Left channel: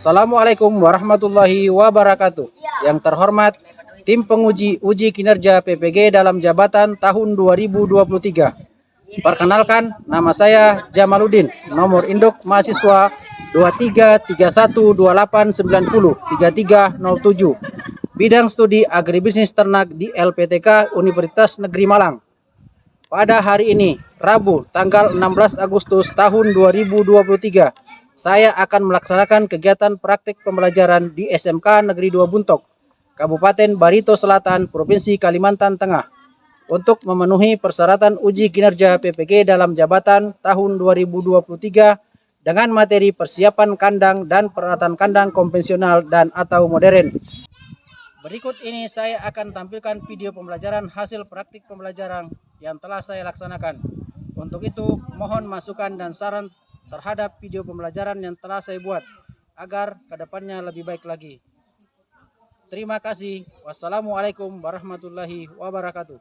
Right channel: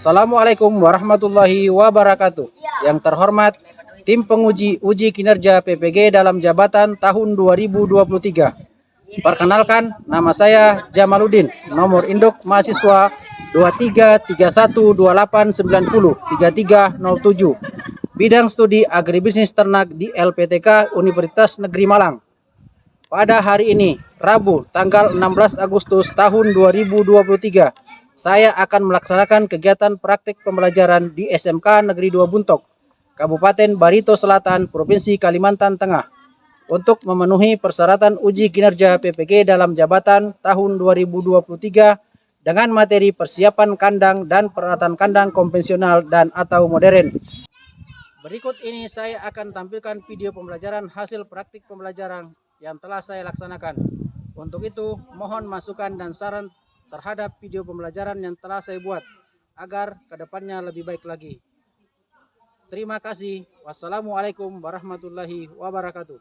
Assalamualaikum warahmatullahi wabarakatuh. Yang terhormat, tim penguji uji kinerja PPG dalam jabatan tahun 2023. Perkenalkan, nama saya Jamaluddin, nomor induk mahasiswa 233128903307. Bidang studi agribisnis ternak di LPTK Universitas Negeri Malang. Pada hari ini, Rabu, tanggal 16 Agustus tahun 2023, saya akan melaksanakan kegiatan praktik pembelajaran di SMK Negeri 2 Buntok, Kabupaten Barito Selatan, Provinsi Kalimantan Tengah, untuk memenuhi persyaratan uji kinerja PPG dalam jabatan tahun 2023 dengan materi persiapan kandang dan peralatan kandang konvensional dan atau modern. Berikut ini saya akan tampilkan video pembelajaran hasil praktik pembelajaran yang telah saya laksanakan. Untuk itu, mohon masukan dan saran terhadap video pembelajaran yang telah saya buat agar kedepannya lebih baik lagi. Terima kasih. Wassalamualaikum warahmatullahi wabarakatuh.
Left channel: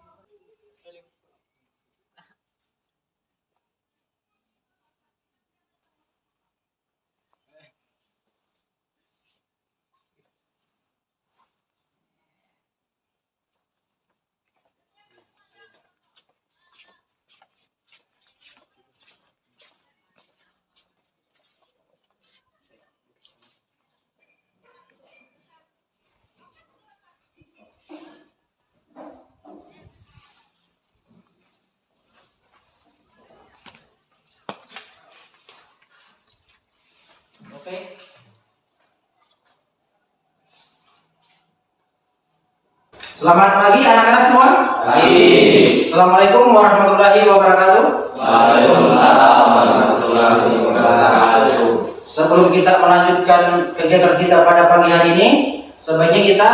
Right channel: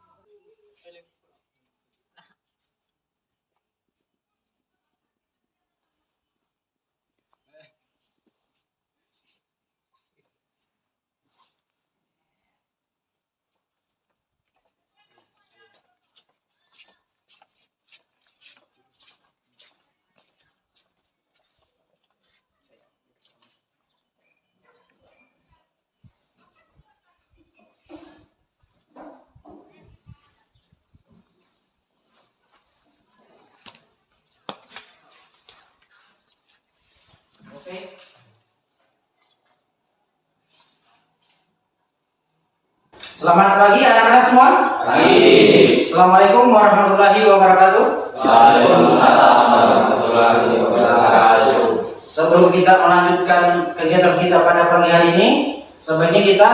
Selamat pagi anak-anak semua. Pagi. Assalamualaikum warahmatullahi wabarakatuh. Waalaikumsalam warahmatullahi wabarakatuh. Sebelum kita melanjutkan kegiatan kita pada pagi hari ini, sebaiknya kita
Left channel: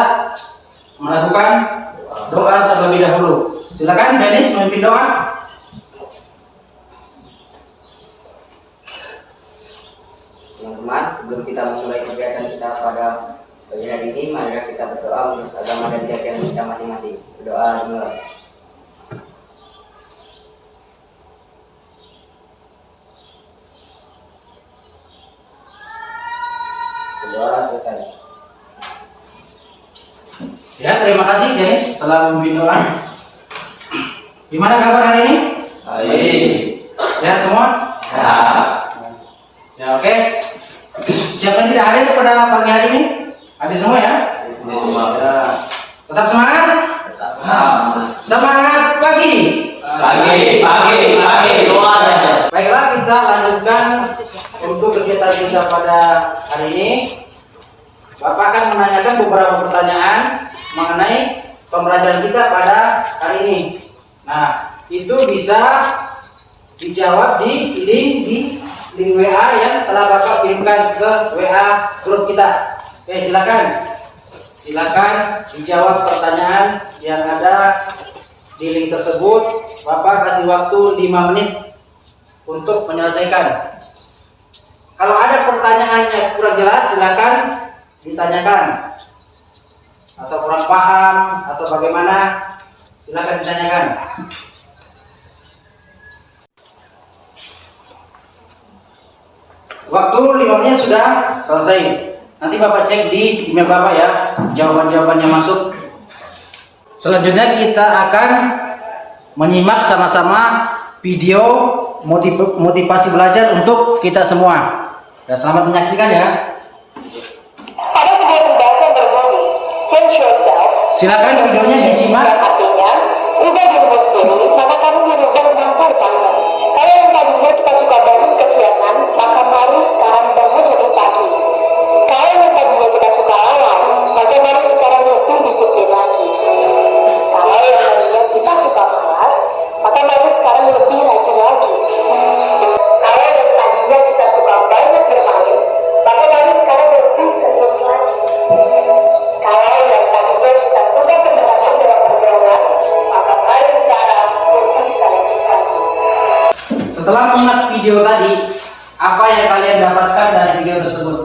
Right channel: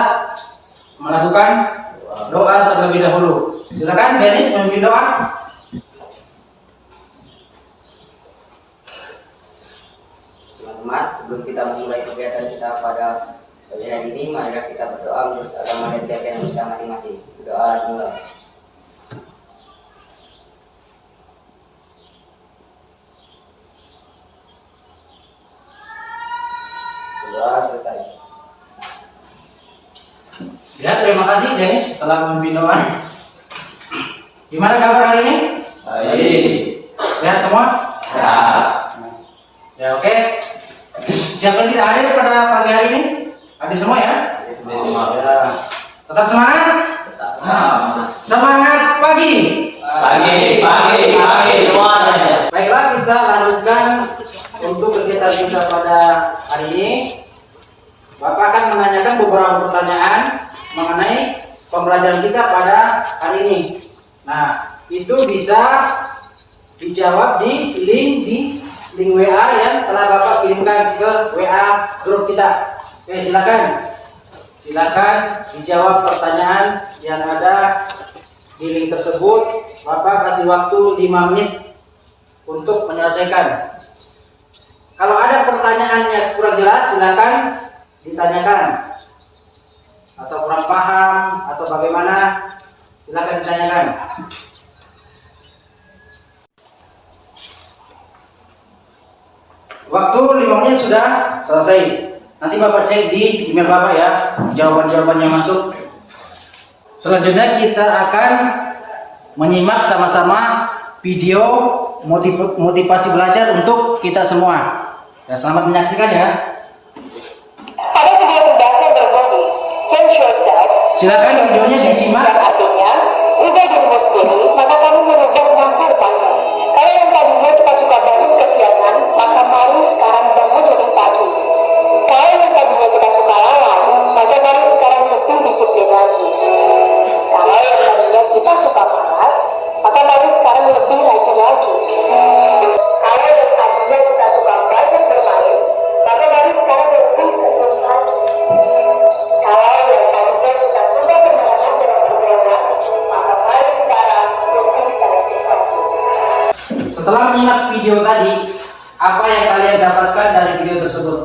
melakukan doa terlebih dahulu. Silakan Dennis memimpin doa. Teman-teman, sebelum kita memulai kegiatan kita pada pagi hari ini, mari kita berdoa menurut agama dan keyakinan kita masing-masing. Berdoa dimulai. Berdoa selesai. Ya, terima kasih Dennis telah memimpin doa. Gimana kabar hari ini? Baik. Sehat semua? Ya. Ya, oke. Siapa yang tidak hadir pada pagi hari ini? Hadir semua ya? Ya. Tetap semangat? Semangat pagi. Pagi. Luar biasa. Baiklah, kita lanjutkan untuk kegiatan kita pada hari ini. Bapak akan menanyakan beberapa pertanyaan mengenai pembelajaran kita pada hari ini. Nah, itu bisa dijawab di link WA yang telah Bapak kirimkan ke WA grup kita. Oke, silakan dijawab pertanyaan yang ada di link tersebut. Bapak kasih waktu 5 menit untuk menyelesaikan. Kalau ada pertanyaannya kurang jelas, silakan ditanyakan. Atau kurang paham atau bagaimana, silakan ditanyakan. Waktu 5 menit sudah selesai. Nanti Bapak cek di email Bapak ya, jawaban-jawabannya masuk. Selanjutnya kita akan menyimak sama-sama video motivasi belajar untuk kita semua. Dan selamat menyaksikan ya. Pada video pembahasan berbagi Change Yourself, Silakan videonya disimak. dan artinya ubah dirimu sendiri, maka kamu merubah masa depanmu. Kalau yang tadinya kita suka bangun kesiangan, maka mari sekarang bangun lebih pagi. Kalau yang tadinya kita suka lalai, maka mari sekarang lebih disiplin lagi. Kalau yang tadinya kita suka malas, maka mari sekarang lebih rajin lagi. Kalau yang tadinya kita suka banyak bermain, maka mari sekarang lebih serius lagi. Kalau yang tadinya kita suka mendengarkan dalam perjalanan, maka mari sekarang lebih selektif lagi. Setelah menyimak video tadi, apa yang kalian dapatkan dari video tersebut?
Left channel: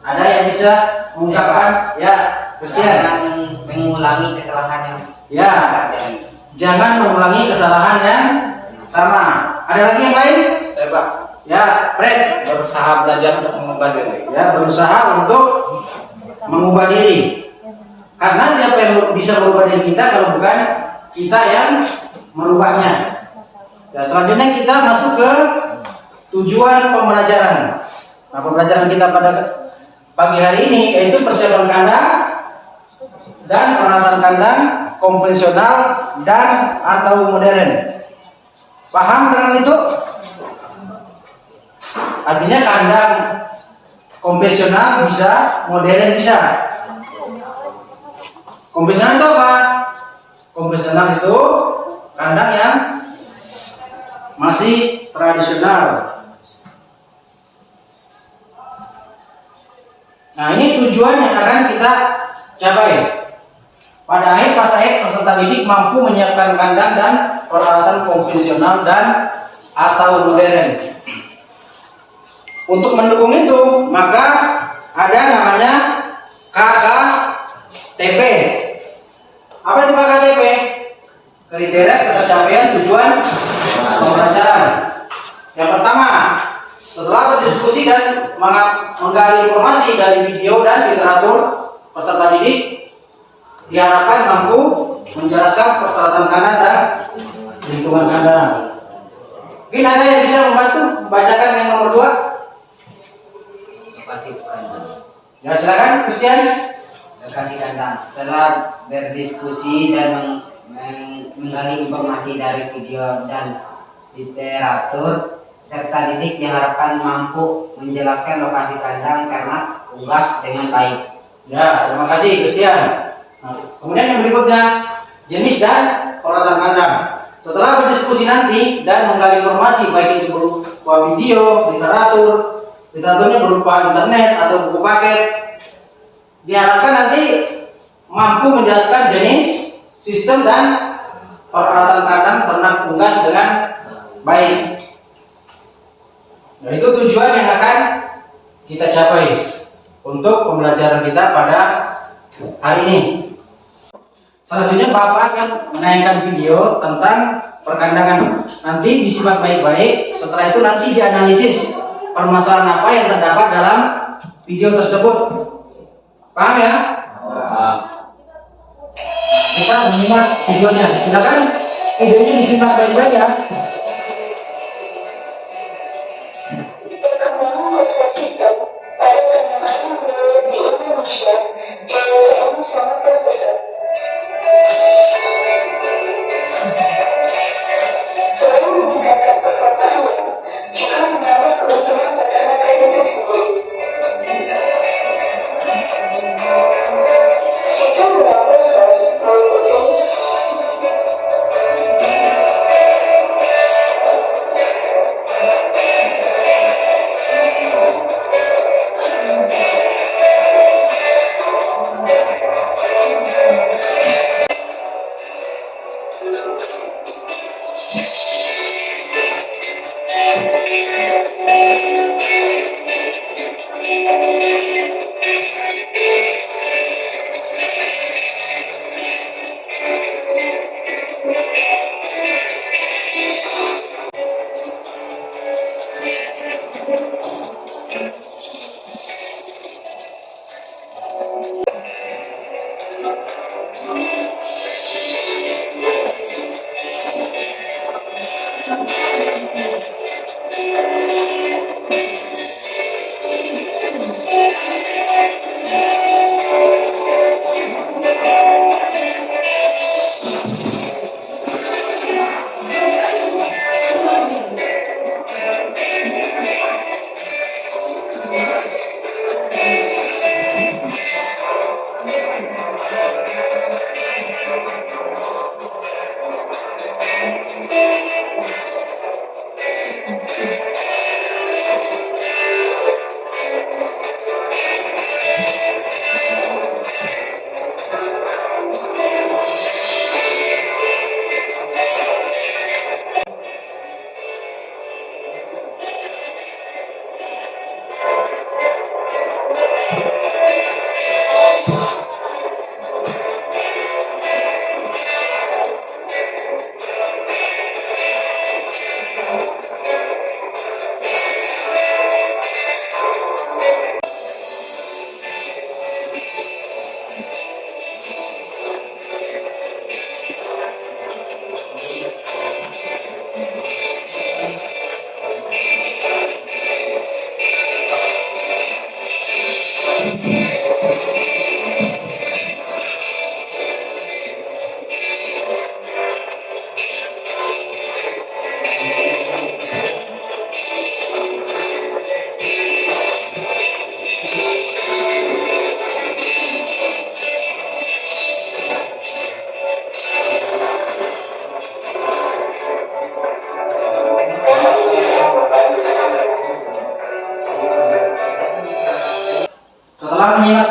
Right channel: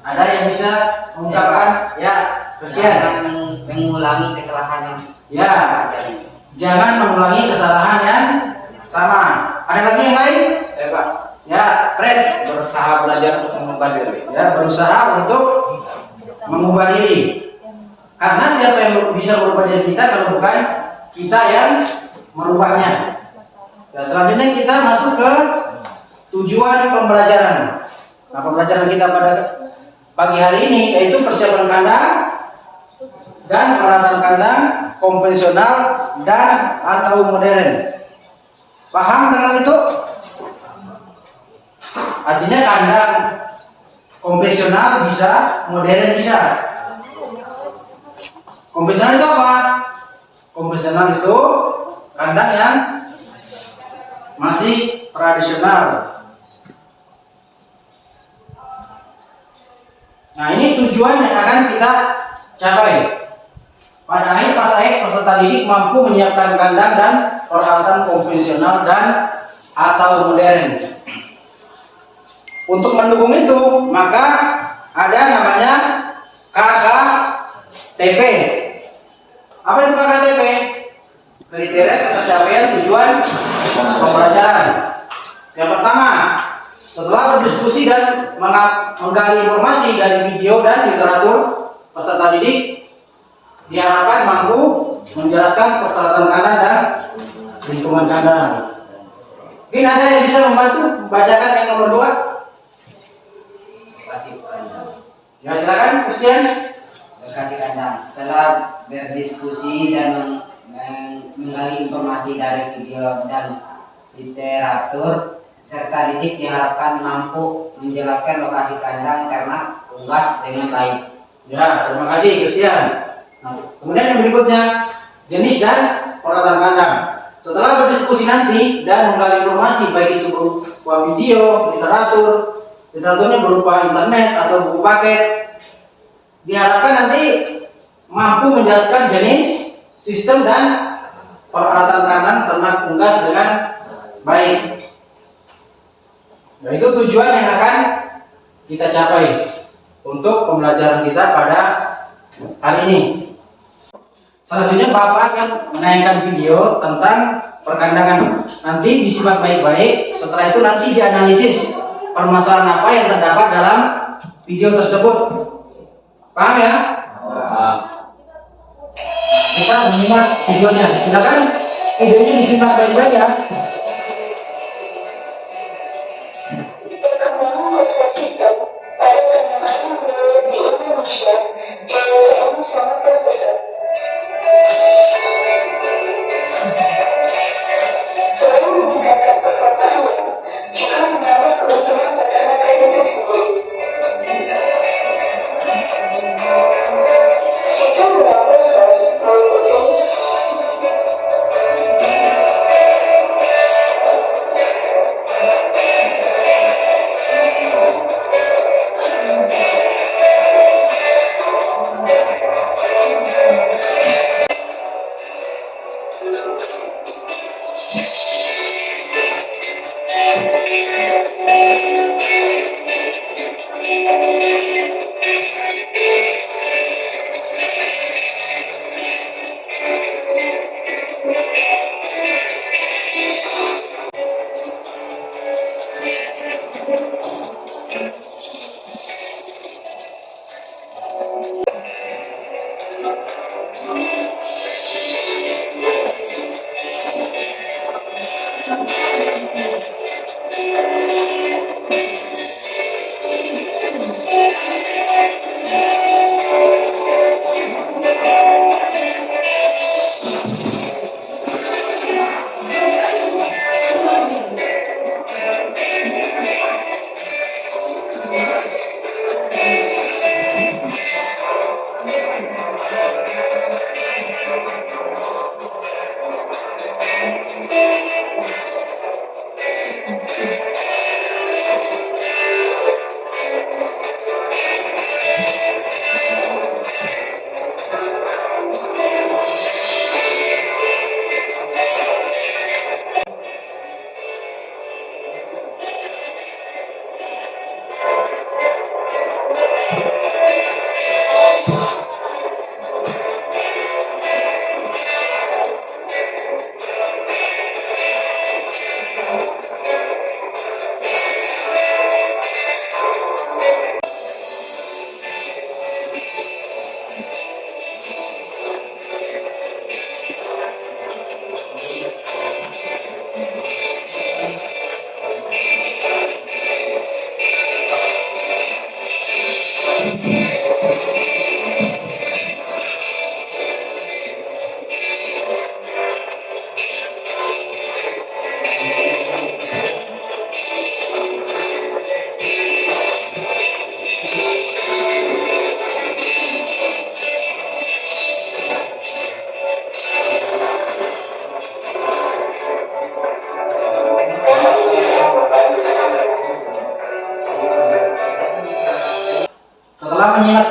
Ada yang bisa mengungkapkan? Ya, Christian. Jangan mengulangi kesalahan yang Ya, terjadi. jangan mengulangi kesalahan yang sama. Ada lagi yang lain? Pak. Ya, Fred. Berusaha belajar untuk mengubah diri. Ya, berusaha untuk mengubah diri. Karena siapa yang bisa merubah diri kita kalau bukan kita yang merubahnya. Ya, selanjutnya kita masuk ke tujuan pembelajaran. Nah, pembelajaran kita pada pagi hari ini yaitu persiapan kandang dan perawatan kandang konvensional dan atau modern. Paham dengan itu? Artinya kandang konvensional bisa, modern bisa. Konvensional itu apa? Konvensional itu kandang yang masih tradisional. Nah, ini tujuan yang akan kita capai. Pada akhir fase peserta didik mampu menyiapkan kandang dan peralatan konvensional dan atau modern. Untuk mendukung itu, maka ada namanya KKTP. Apa itu KKTP? Kriteria ketercapaian tujuan pembelajaran. Yang pertama, setelah berdiskusi dan menggali informasi dari video dan literatur, peserta didik diharapkan mampu menjelaskan persyaratan kandang dan lingkungan kandang. Mungkin ada yang bisa membantu bacakan yang nomor 2? Lokasi kandang. Ya, silakan, Christian. Lokasi kandang. Setelah berdiskusi dan menggali informasi dari video dan literatur, peserta didik diharapkan mampu menjelaskan lokasi kandang karena unggas dengan baik. Ya, terima kasih, Christian. Nah, kemudian yang berikutnya, jenis dan peralatan kandang. Setelah berdiskusi nanti dan menggali informasi baik itu berupa video, literaturnya berupa internet atau buku paket, diharapkan nanti mampu menjelaskan jenis, sistem dan peralatan kandang ternak unggas dengan baik. Nah, itu tujuan yang akan kita capai untuk pembelajaran kita pada hari ini. Selanjutnya Bapak akan menayangkan video tentang perkandangan. Nanti disimak baik-baik. Setelah itu nanti dianalisis permasalahan apa yang terdapat dalam video tersebut. Paham ya? Kita menyimak videonya. Silakan videonya disimak baik-baik ya. Perkembangan ekosistem pada penanaman menurut di Indonesia yang saat ini sangat terpesat. Selain meningkatkan perkotaan, juga menambah keuntungan peternakan itu sendiri. Sistem berambil sos meliputi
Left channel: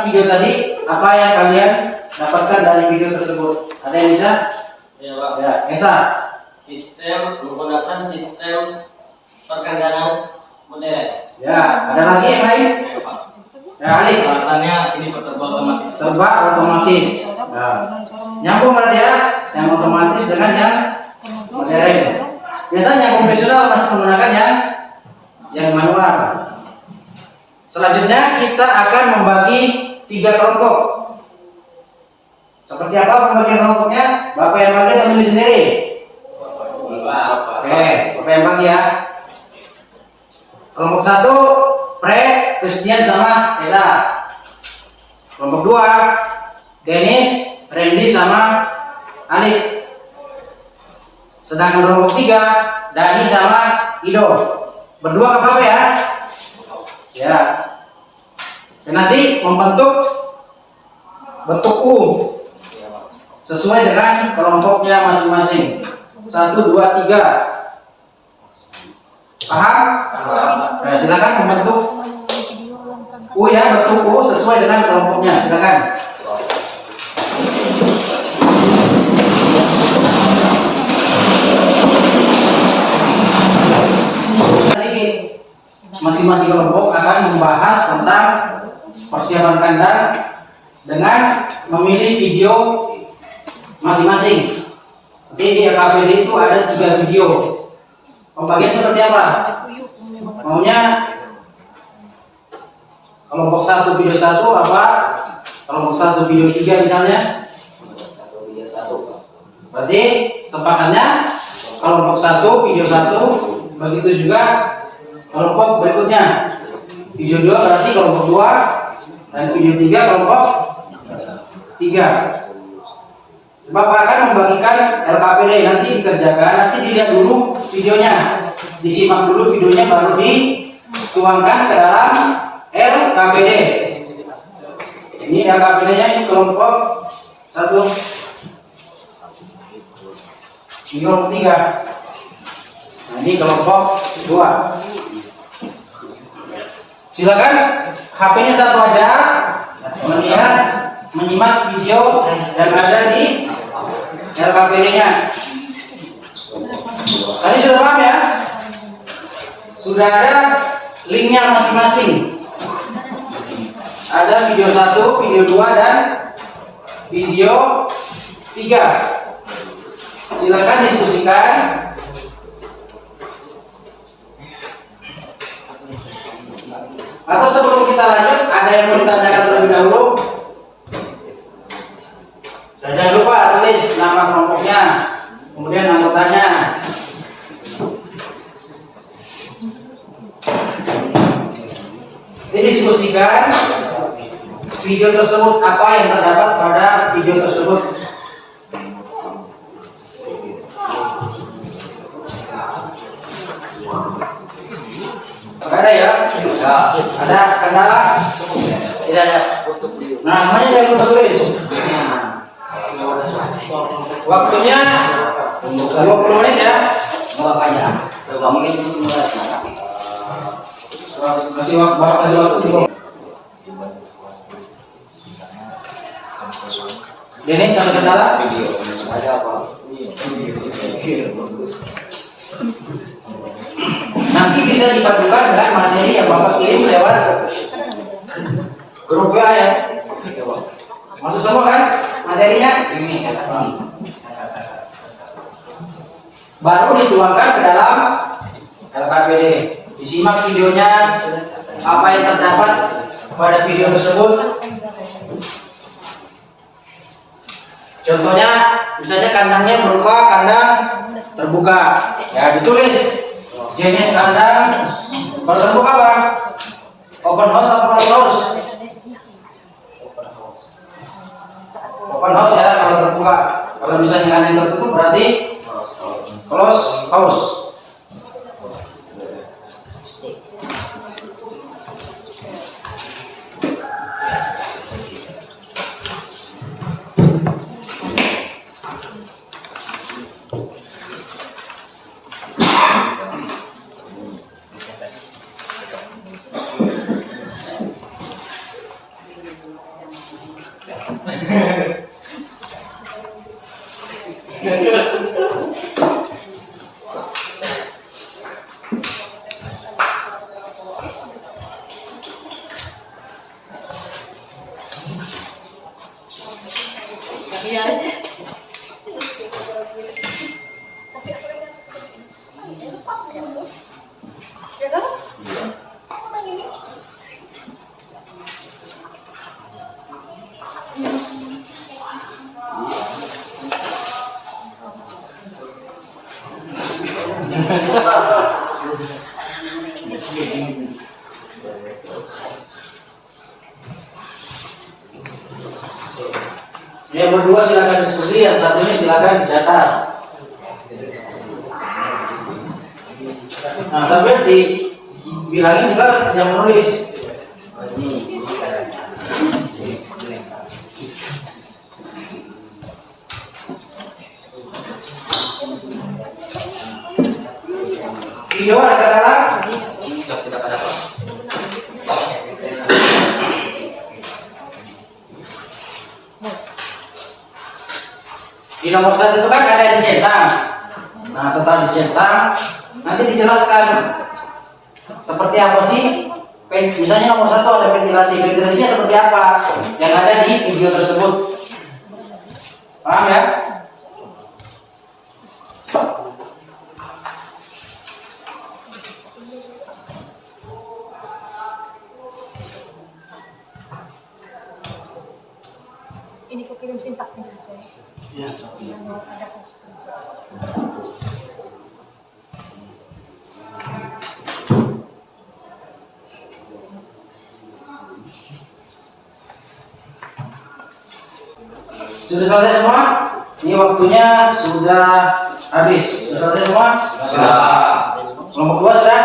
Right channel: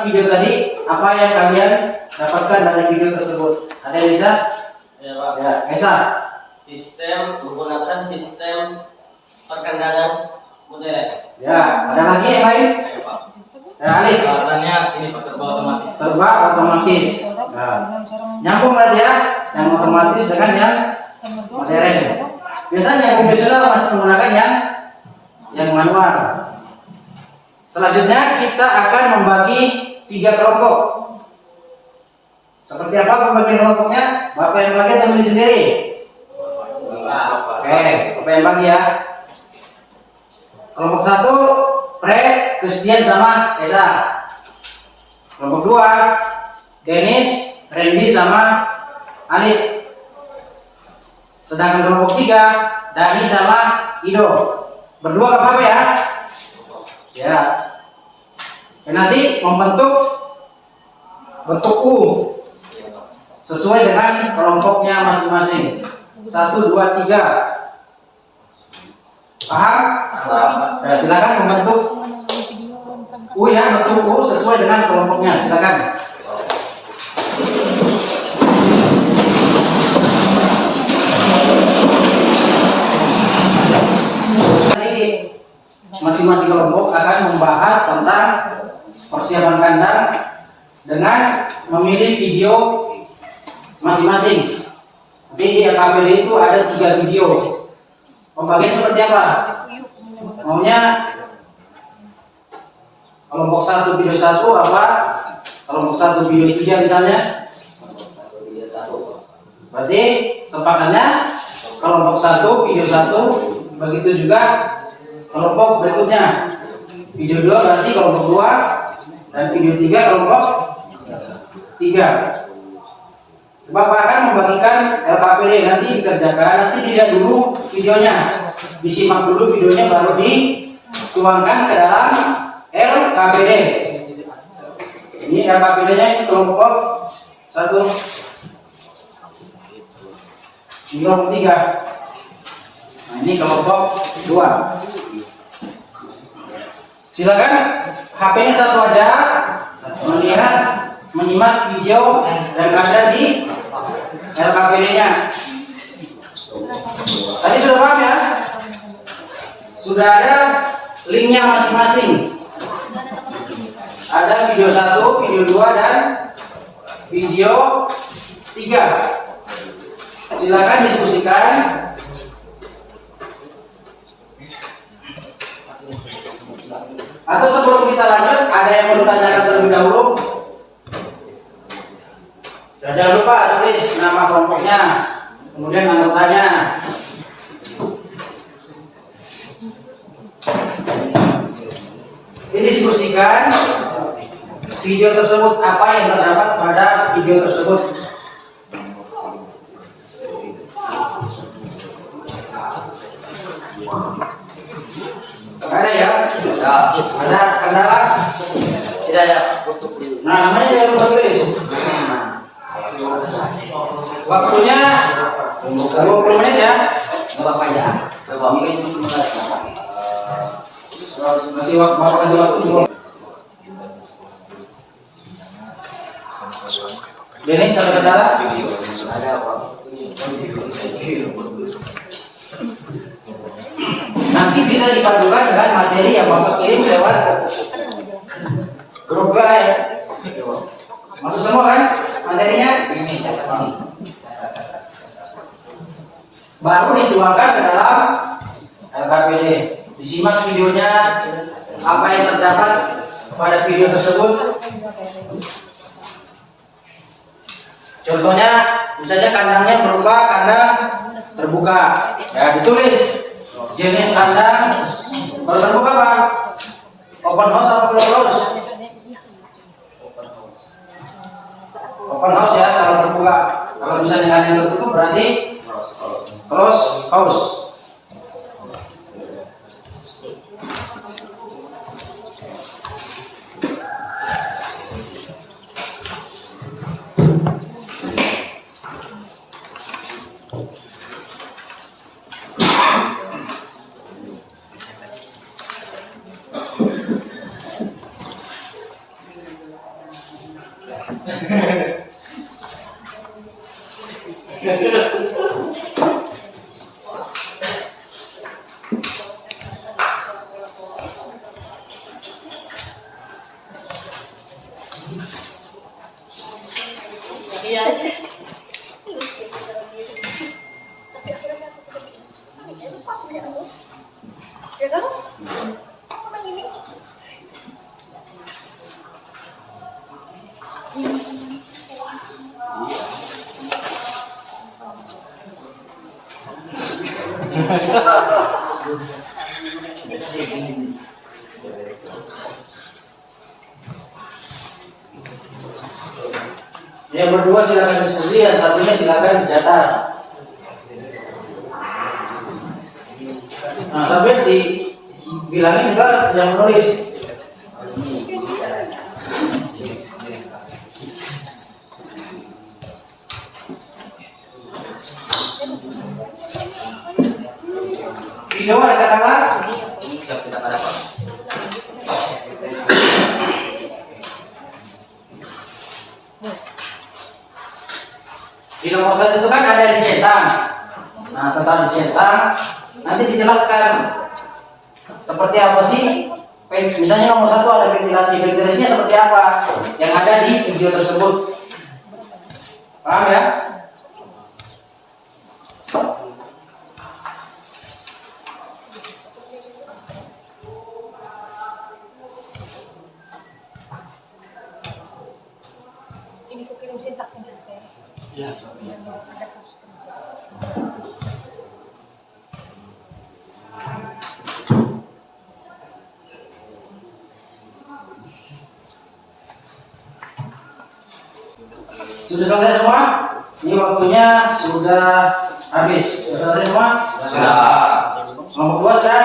video tadi, apa yang kalian dapatkan dari video tersebut? Ada yang bisa? Ya, Pak. Ya, Esa. Menggunakan sistem perkandangan modern. Ya, ada lagi yang lain? Ya, Pak. Ya, Ali. Peralatannya ini serba otomatis. Serba otomatis. Nah, nyambung berarti ya, yang otomatis dengan yang modern. Biasanya yang konvensional masih menggunakan yang manual. Selanjutnya kita akan membagi 3 kelompok. Seperti apa pembagian kelompoknya? Bapak yang bagi atau milih sendiri? Oke, Bapak yang bagi ya. Kelompok 1 Pre, Christian sama Esa. Kelompok 2 Dennis, Randy sama Alif. Sedangkan kelompok 3 Dani sama Ido. Berdua ke apa ya? Ya. Dan nanti membentuk bentuk U sesuai dengan kelompoknya masing-masing. 1, 2, 3. Paham? Nah, silakan membentuk U ya, bentuk U sesuai dengan kelompoknya. Silakan. Masing-masing kelompok akan membahas tentang persiapan kandang dengan memilih video masing-masing. Jadi di LKPD itu ada 3 video. Pembagian seperti apa? Maunya kelompok 1 video 1 apa? Kelompok 1 video 3 misalnya? Berarti sepakatnya kelompok 1 video 1, begitu juga kelompok berikutnya. Video 2 berarti kelompok 2 dan video 3 kelompok 3. Bapak akan membagikan LKPD, nanti dikerjakan, nanti dilihat dulu videonya, disimak dulu videonya, baru dituangkan ke dalam LKPD. Ini LKPD-nya, ini kelompok 1, ini kelompok 3. Nah, ini kelompok 2. Silakan HP-nya satu aja, melihat, menyimak video yang ada di LKPD-nya. Tadi sudah paham ya? Sudah ada linknya masing-masing. Ada video 1, video 2 dan video 3. Silakan diskusikan. Atau sebelum kita lanjut, ada yang mau ditanyakan terlebih dahulu? Dan jangan lupa tulis nama kelompoknya, kemudian anggotanya. Didiskusikan video tersebut, apa yang terdapat pada video tersebut. Ada ya? Ada kendala? Tidak ya. Nah, namanya jangan lupa tulis. Waktunya 20 menit ya. Bapak aja. Mungkin mulai. Kasih waktu juga. Dennis, ada kendala? Ada apa? Nanti bisa dipadukan dengan materi yang Bapak kirim lewat grup WA ya. Masuk semua kan materinya? Ini Baru dituangkan ke dalam LKPD. Disimak videonya, apa yang terdapat pada video tersebut. Contohnya, misalnya kandangnya berupa kandang terbuka. Ya, ditulis jenis kandang. Kalau terbuka apa? Open house apa closed house? Open house ya kalau terbuka. Kalau misalnya kandang tertutup berarti closed house. Yang berdua silakan diskusi, yang satunya silakan dicatat. Nah, sampai dibilangin juga yang menulis. Ini caranya. Video ada katakan. Siap kita pada apa? Di nomor 1 itu kan ada dicentang. Nah, setelah dicentang nanti dijelaskan seperti apa sih. Misalnya nomor 1 ada ventilasi. Ventilasinya seperti apa yang ada di video tersebut. Paham ya? Ini kok kirim sintak nih. Iya. Sudah selesai semua? Ini waktunya sudah habis. Sudah selesai semua? Sudah. Kelompok 2 sudah?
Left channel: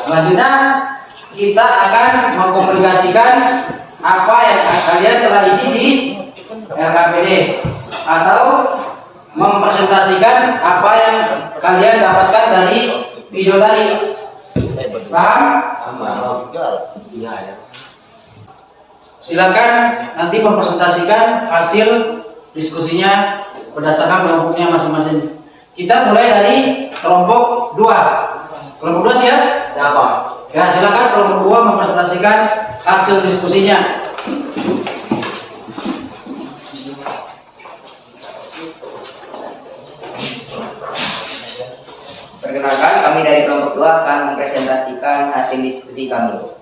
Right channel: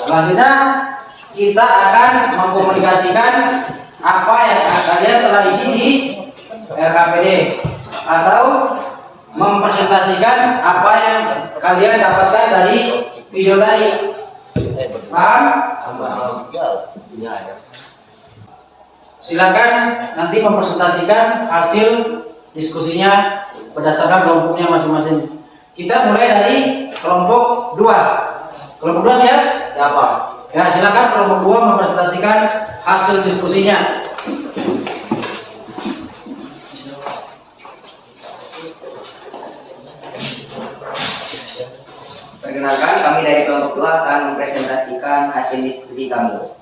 Selanjutnya kita akan mengkomunikasikan apa yang kalian telah isi di RKPD atau mempresentasikan apa yang kalian dapatkan dari video tadi. Paham? Silakan nanti mempresentasikan hasil diskusinya berdasarkan kelompoknya masing-masing. Kita mulai dari kelompok 2. Kelompok 2 siap? Siapa? Ya, silakan kelompok 2 mempresentasikan hasil diskusinya. Perkenalkan, kami dari kelompok 2 akan mempresentasikan hasil diskusi kami.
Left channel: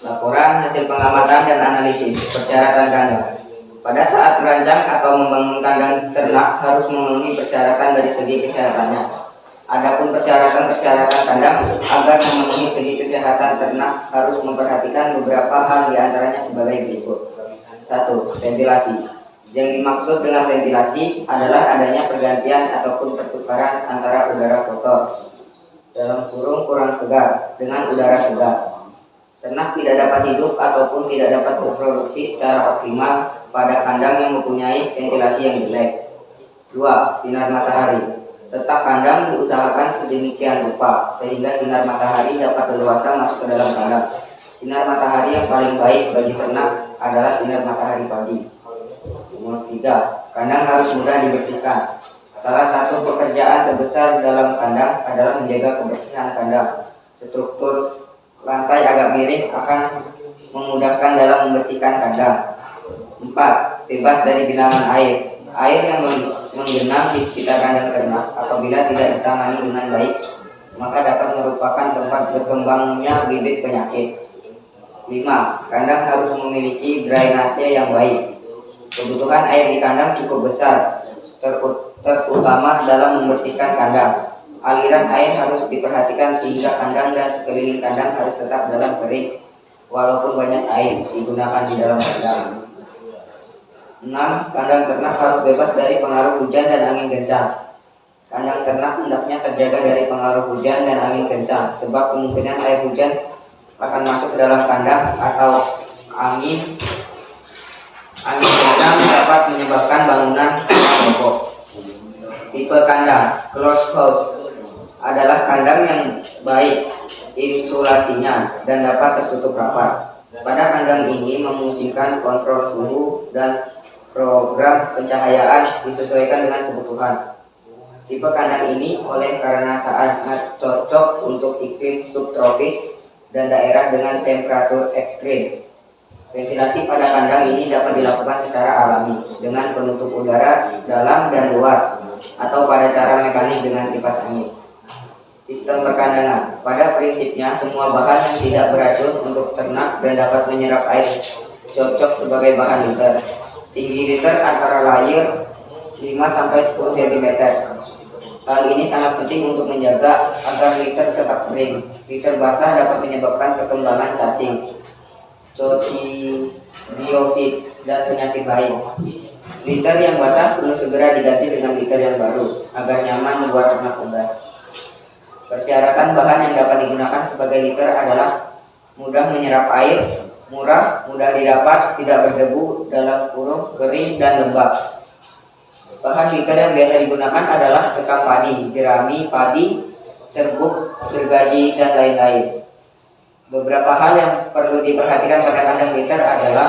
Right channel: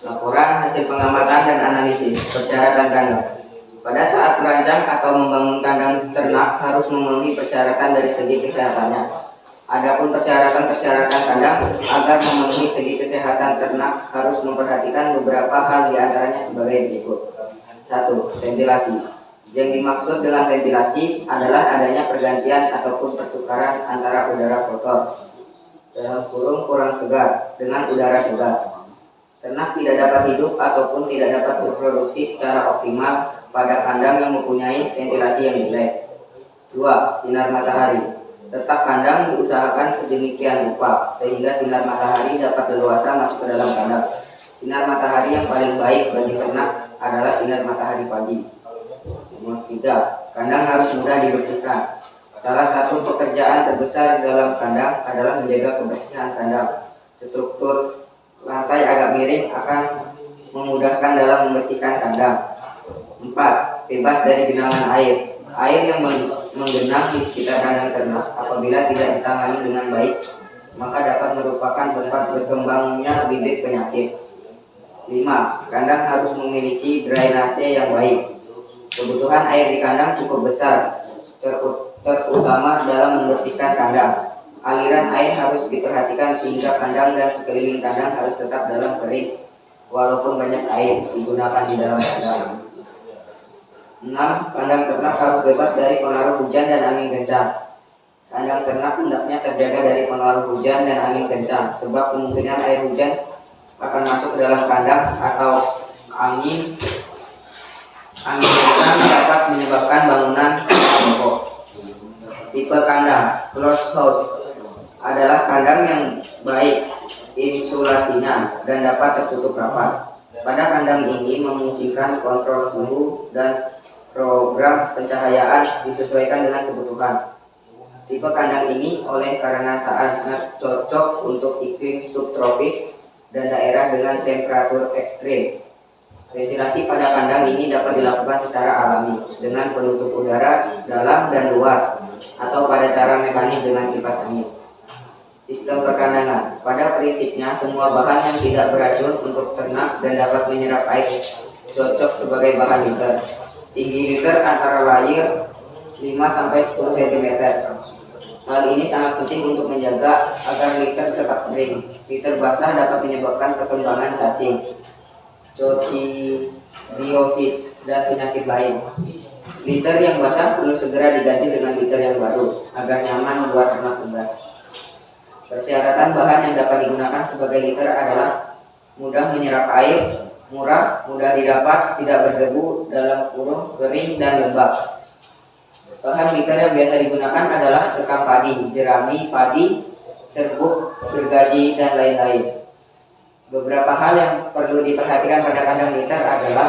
Laporan hasil pengamatan dan analisis persyaratan kandang. Pada saat merancang atau membangun kandang ternak harus memenuhi persyaratan dari segi kesehatannya. Adapun persyaratan-persyaratan kandang agar memenuhi segi kesehatan ternak harus memperhatikan beberapa hal diantaranya sebagai berikut. 1. Ventilasi. Yang dimaksud dengan ventilasi adalah adanya pergantian ataupun pertukaran antara udara kotor dalam kurung kurang segar dengan udara segar. Ternak tidak dapat hidup ataupun tidak dapat berproduksi secara optimal pada kandang yang mempunyai ventilasi yang jelek. 2. Sinar matahari. Letak kandang diusahakan sedemikian rupa sehingga sinar matahari dapat leluasa masuk ke dalam kandang. Sinar matahari yang paling baik bagi ternak adalah sinar matahari pagi. Nomor 3. Kandang harus mudah dibersihkan. Salah satu pekerjaan terbesar dalam kandang adalah menjaga kebersihan kandang. Struktur lantai agak miring akan memudahkan dalam membersihkan kandang. 4. Bebas dari genangan air. Air yang menggenang di sekitar kandang ternak apabila tidak ditangani dengan baik, maka dapat merupakan tempat berkembangnya bibit penyakit. 5. Kandang harus memiliki drainase yang baik. Kebutuhan air di kandang cukup besar, terutama dalam membersihkan kandang. Aliran air harus diperhatikan sehingga kandang dan sekeliling kandang harus tetap dalam kering, walaupun banyak air digunakan di dalam kandang. 6. Kandang ternak harus bebas dari pengaruh hujan dan angin kencang. Kandang ternak hendaknya terjaga dari pengaruh hujan dan angin kencang, sebab kemungkinan air hujan akan masuk ke dalam kandang atau angin kencang dapat menyebabkan bangunan roboh. Tipe kandang closed house adalah kandang yang baik insulasinya dan dapat tertutup rapat. Pada kandang ini memungkinkan kontrol suhu dan program pencahayaan disesuaikan dengan kebutuhan. Tipe kandang ini oleh karena sangat cocok untuk iklim subtropis dan daerah dengan temperatur ekstrim. Ventilasi pada kandang ini dapat dilakukan secara alami dengan penutup udara dalam dan luar atau pada cara mekanik dengan kipas angin. Sistem perkandangan. Pada prinsipnya semua bahan yang tidak beracun untuk ternak dan dapat menyerap air cocok sebagai bahan liter. Tinggi liter antara layer 5-10 cm. Hal ini sangat penting untuk menjaga agar liter tetap kering. Liter basah dapat menyebabkan perkembangan cacing, coccidiosis, dan penyakit lain. Liter yang basah perlu segera diganti dengan liter yang baru agar nyaman membuat ternak unggas. Persyaratan bahan yang dapat digunakan sebagai liter adalah mudah menyerap air, murah, mudah didapat, tidak berdebu, dalam kurung, kering, dan lembab. Bahan liter yang biasa digunakan adalah sekam padi, jerami, padi, serbuk, gergaji, dan lain-lain. Beberapa hal yang perlu diperhatikan pada kandang liter adalah:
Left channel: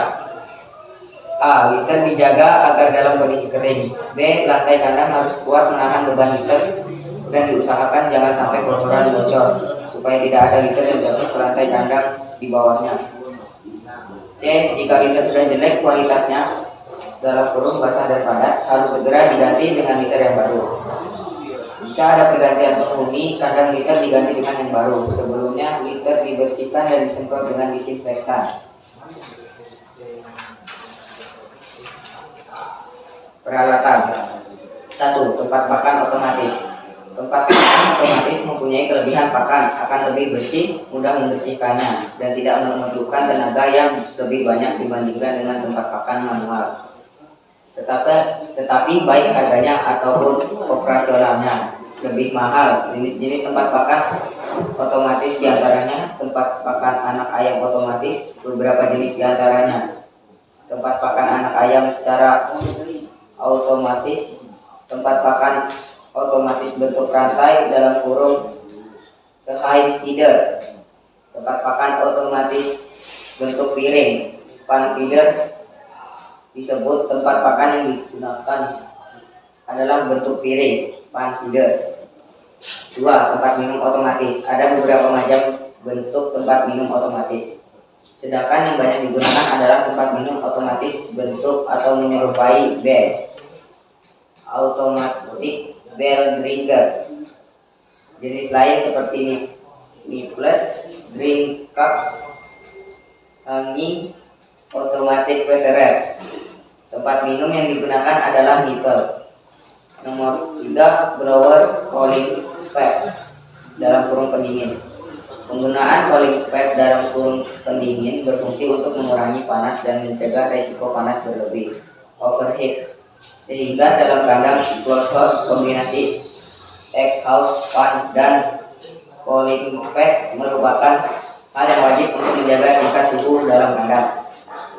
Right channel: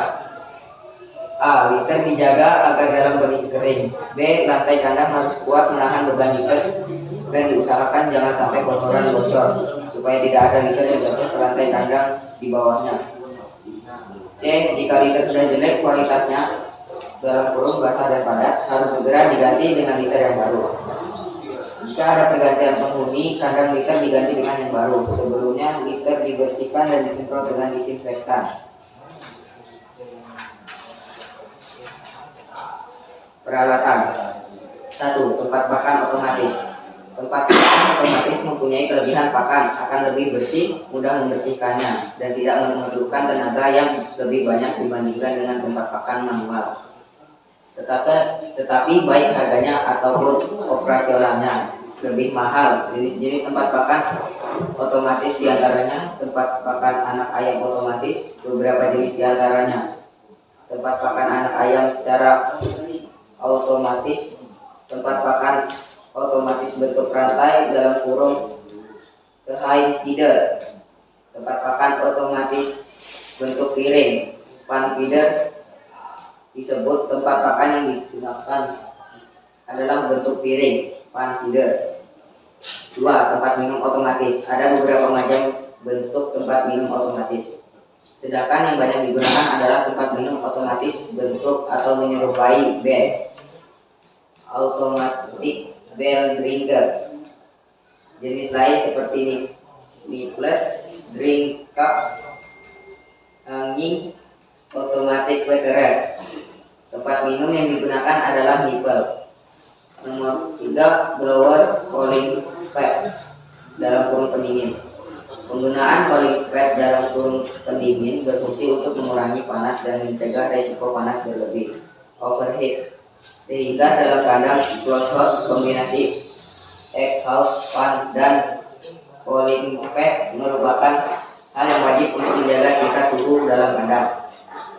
A. Liter dijaga agar dalam kondisi kering. B. Lantai kandang harus kuat menahan beban liter dan diusahakan jangan sampai kotoran bocor supaya tidak ada liter yang jatuh ke lantai kandang di bawahnya. C. Jika liter sudah jelek kualitasnya, dalam kurung basah dan padat, harus segera diganti dengan liter yang baru. Jika ada pergantian penghuni, kandang liter diganti dengan yang baru. Sebelumnya liter dibersihkan dan disemprot dengan disinfektan. Peralatan. 1. Tempat pakan otomatis. Tempat pakan otomatis mempunyai kelebihan pakan, akan lebih bersih, mudah membersihkannya, dan tidak memerlukan tenaga yang lebih banyak dibandingkan dengan tempat pakan manual. Tetapi baik harganya ataupun operasionalnya lebih mahal. Jenis-jenis tempat pakan otomatis diantaranya tempat pakan anak ayam otomatis, beberapa jenis diantaranya tempat pakan anak ayam secara otomatis, tempat pakan otomatis bentuk rantai dalam kurung high feeder, tempat pakan otomatis bentuk piring, pan feeder. Disebut tempat pakan yang digunakan adalah bentuk piring, pan feeder. 2. Tempat minum otomatis. Ada beberapa macam bentuk tempat minum otomatis. Sedangkan yang banyak digunakan adalah tempat minum otomatis bentuk atau menyerupai bell, automatic bell drinker. Jenis lain seperti nipples, drink cups, hanging, automatic waterer. Tempat minum yang digunakan adalah nipple. Nomor 3. Blower cooling pad dalam kurung pendingin. Penggunaan cooling pad dalam kurung pendingin berfungsi untuk mengurangi panas dan mencegah resiko panas berlebih, overheat, sehingga dalam kandang closed house kombinasi egg house fan dan cooling pad merupakan hal yang wajib untuk menjaga tingkat suhu dalam kandang.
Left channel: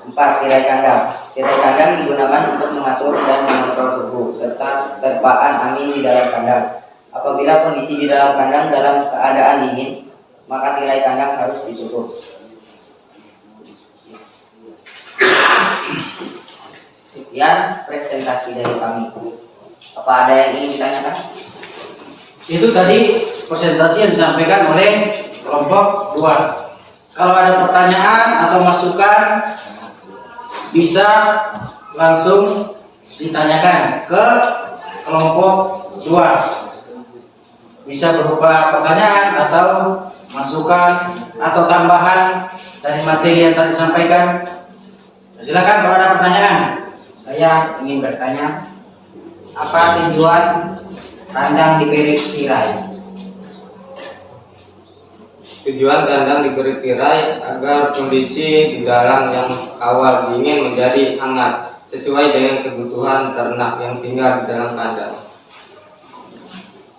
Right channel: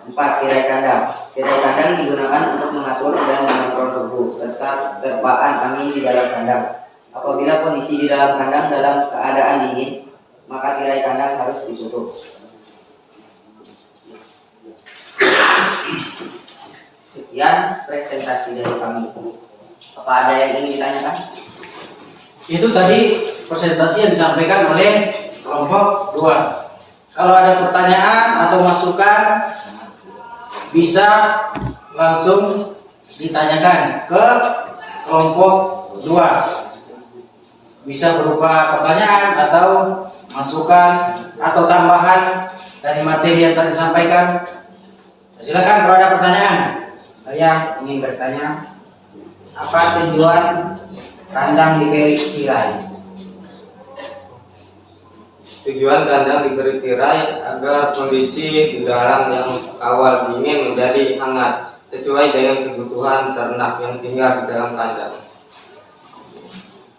4. Tirai kandang. Tirai kandang digunakan untuk mengatur dan mengontrol suhu serta terpaan angin di dalam kandang. Apabila kondisi di dalam kandang dalam keadaan dingin, maka tirai kandang harus ditutup. Sekian presentasi dari kami. Apa ada yang ingin ditanyakan? Itu tadi presentasi yang disampaikan oleh kelompok 2. Kalau ada pertanyaan atau masukan, bisa langsung ditanyakan ke kelompok 2. Bisa berupa pertanyaan atau masukan atau tambahan dari materi yang tadi disampaikan. Silakan kalau ada pertanyaan. Saya ingin bertanya, apa tujuan kandang diberi tirai? Tujuan kandang diberi tirai agar kondisi di dalam yang awal dingin menjadi hangat sesuai dengan kebutuhan ternak yang tinggal di dalam kandang.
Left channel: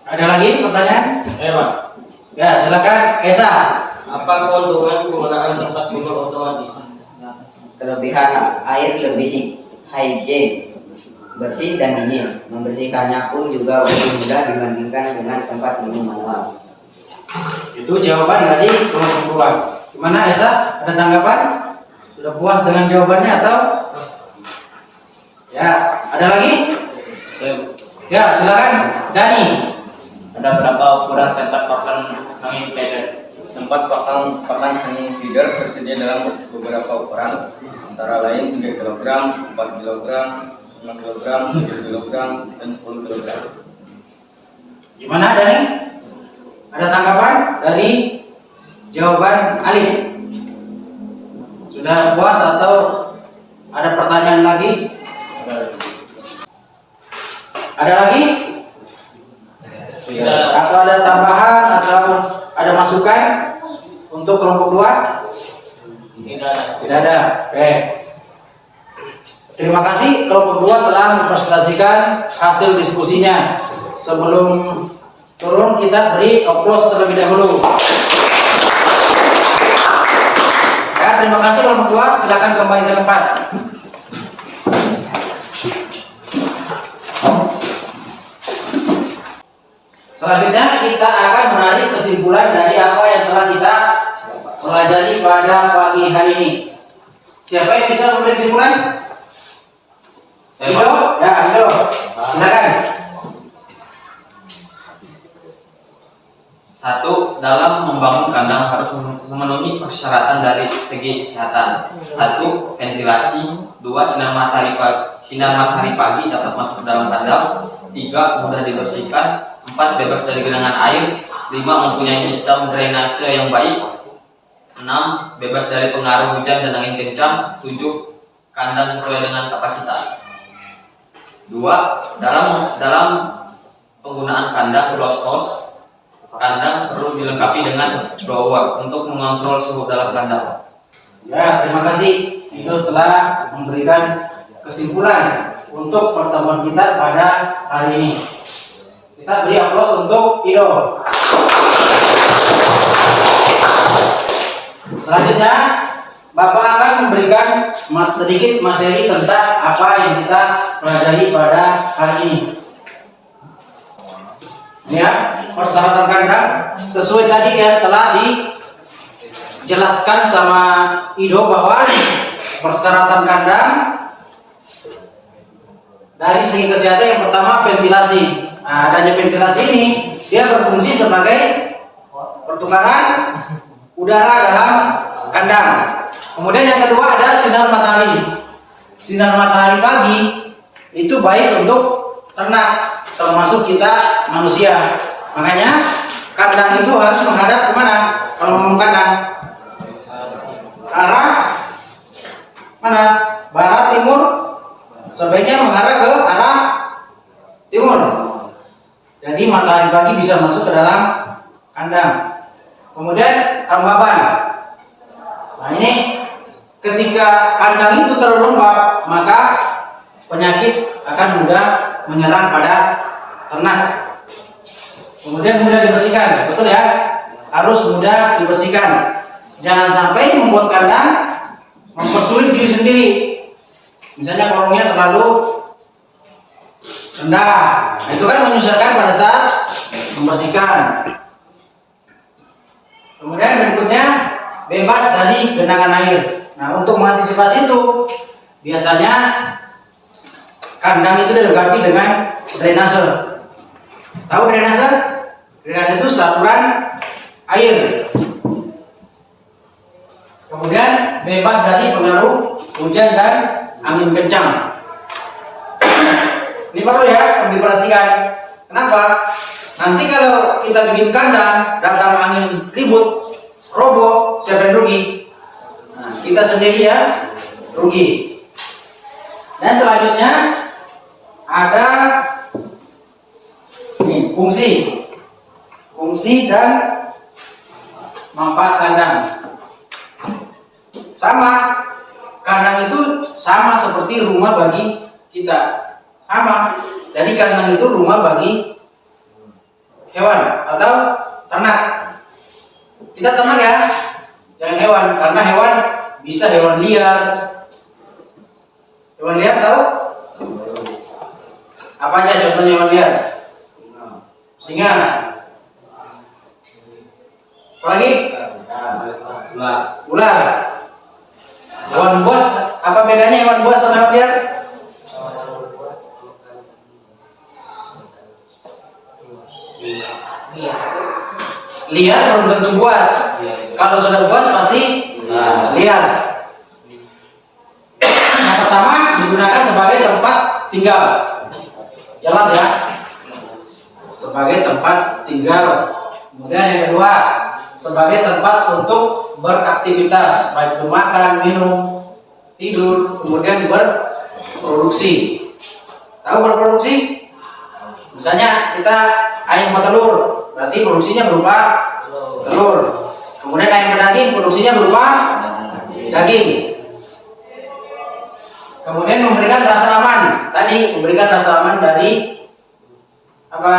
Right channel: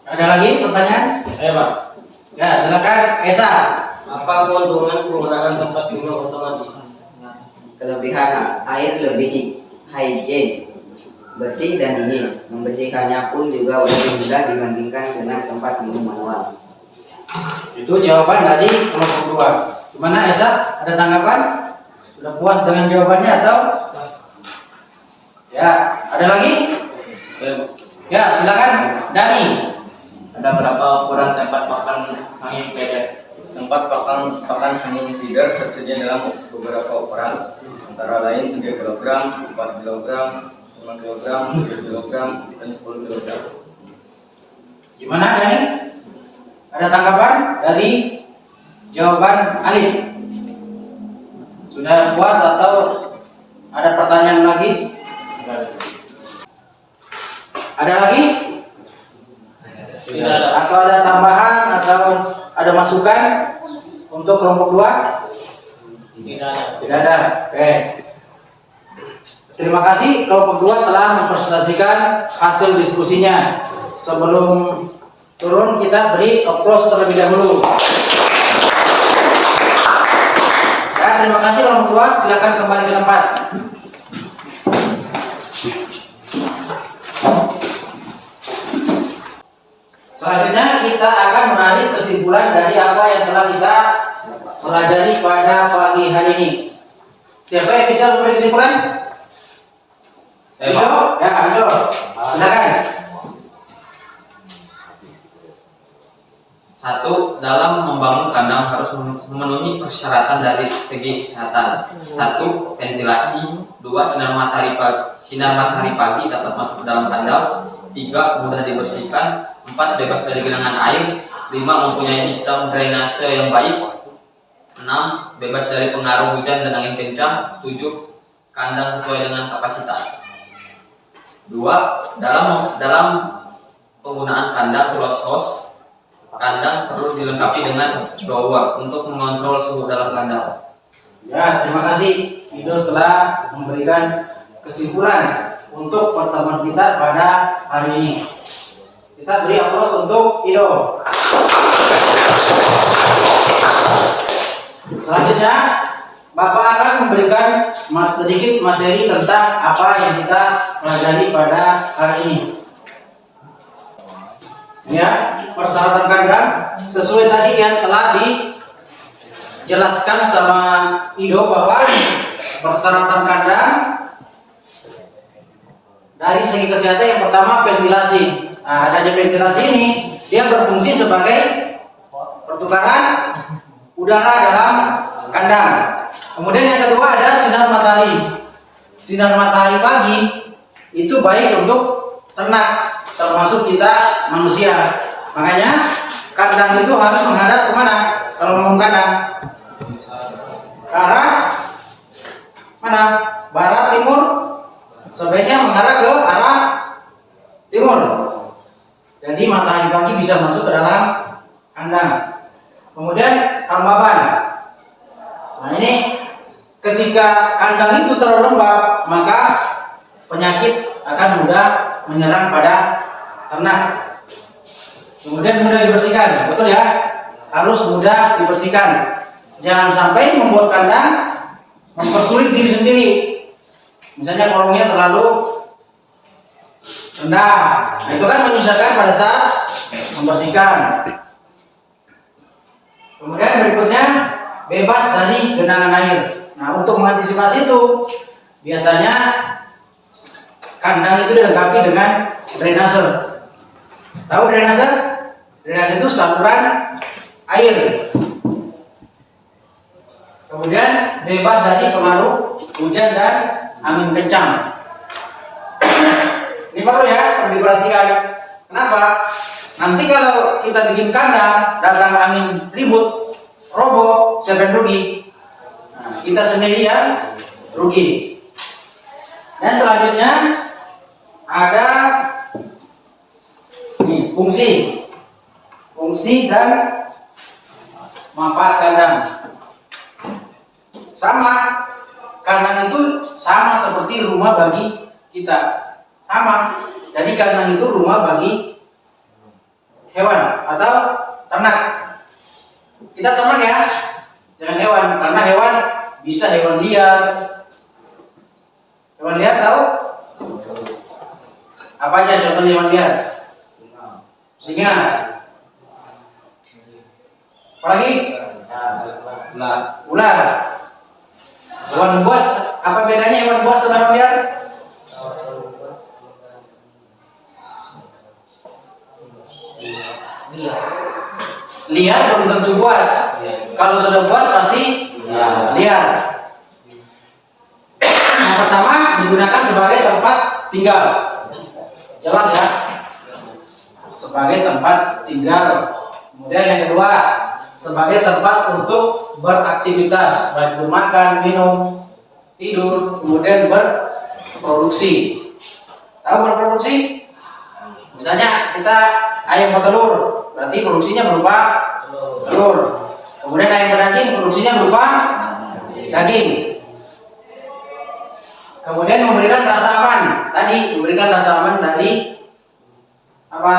Ada lagi pertanyaan? Pak. Ya, silakan Esa. Apa keuntungan penggunaan tempat minum otomatis? Kelebihan air lebih hygiene, bersih dan dingin. Membersihkannya pun juga lebih mudah dibandingkan dengan tempat minum manual. Itu jawaban dari kelompok 2. Gimana Esa? Ada tanggapan? Sudah puas dengan jawabannya atau? Ya, ada lagi? Ya, silakan Dani. Ada berapa ukuran tempat pakan angin feeder? Tempat pakan angin feeder tersedia dalam beberapa ukuran, antara lain 3 kg, 4 kg, 5 kg, 7 kg, dan 10 kg. Gimana Dani? Ada tanggapan dari jawaban Alif? Sudah puas atau ada pertanyaan lagi? Ada lagi? Atau ada tambahan atau ada masukan untuk kelompok 2? Tidak ada. Oke. Terima kasih kelompok 2 telah mempresentasikan hasil diskusinya. Sebelum turun kita beri aplaus terlebih dahulu. Ya, terima kasih kelompok 2. Silakan kembali ke tempat. Selanjutnya kita akan menarik kesimpulan dari apa yang telah kita pelajari pada pagi hari ini. Siapa yang bisa memberi kesimpulan? Ido? Ya, Ido. Silakan. 1. Dalam membangun kandang harus memenuhi persyaratan dari segi kesehatan. 1. Ventilasi. 2. Sinar matahari pagi dapat masuk ke dalam kandang. 3. Mudah dibersihkan. 4. Bebas dari genangan air. 5. Mempunyai sistem drainase yang baik. 6. Bebas dari pengaruh hujan dan angin kencang. 7. Kandang sesuai dengan kapasitas. 2. Dalam penggunaan kandang closed house, kandang perlu dilengkapi dengan blower untuk mengontrol suhu dalam kandang. Ya, terima kasih. Ido telah memberikan kesimpulan untuk pertemuan kita pada hari ini. Kita beri aplaus untuk Ido. Selanjutnya, Bapak akan memberikan sedikit materi tentang apa yang kita pelajari pada hari ini. Ya, persyaratan kandang sesuai tadi yang telah dijelaskan sama Ido bahwa persyaratan kandang dari segi kesehatan yang pertama ventilasi. Nah, adanya ventilasi ini dia berfungsi sebagai pertukaran udara dalam kandang. Kemudian yang kedua ada sinar matahari. Sinar matahari pagi itu baik untuk ternak, termasuk kita manusia. Makanya kandang itu harus menghadap kemana? Kalau mau kandang ke arah mana? Barat, timur. Sebaiknya mengarah ke arah timur. Jadi matahari pagi bisa masuk ke dalam kandang. Kemudian kelembaban. Nah, ini ketika kandang itu terlalu lembab, maka penyakit akan mudah menyerang pada ternak. Kemudian mudah dibersihkan, betul ya? Harus mudah dibersihkan. Jangan sampai membuat kandang mempersulit diri sendiri. Misalnya kolongnya terlalu rendah, nah, itu kan menyusahkan pada saat membersihkan. Kemudian berikutnya bebas dari genangan air. Nah, untuk mengantisipasi itu biasanya kandang itu dilengkapi dengan drainase. Tahu drainase? Drainase itu saluran air. Kemudian bebas dari pengaruh hujan dan angin kencang. Ini perlu ya diperhatikan. Kenapa? Nanti kalau kita bikin kandang, datang angin ribut, roboh, siapa yang rugi? Nah, kita sendiri ya rugi. Dan selanjutnya ada ini fungsi dan manfaat kandang. Sama, kandang itu sama seperti rumah bagi kita. Sama. Jadi kandang itu rumah bagi hewan atau ternak. Kita ternak ya, jangan hewan, karena hewan bisa hewan liar. Hewan liar tahu? Apa aja contohnya hewan liar? Singa. Apalagi? Ular. Hewan buas, apa bedanya hewan buas sama hewan liar? Liar belum tentu buas. Kalau sudah buas pasti liar. Yang pertama digunakan sebagai tempat tinggal. Jelas ya? Sebagai tempat tinggal. Kemudian yang kedua, sebagai tempat untuk beraktivitas, baik itu makan, minum, tidur, kemudian berproduksi. Tahu berproduksi? Misalnya kita ayam petelur, berarti produksinya berupa telur. Kemudian ayam berdaging, produksinya berupa daging. Kemudian memberikan rasa aman. Tadi memberikan rasa aman dari apa?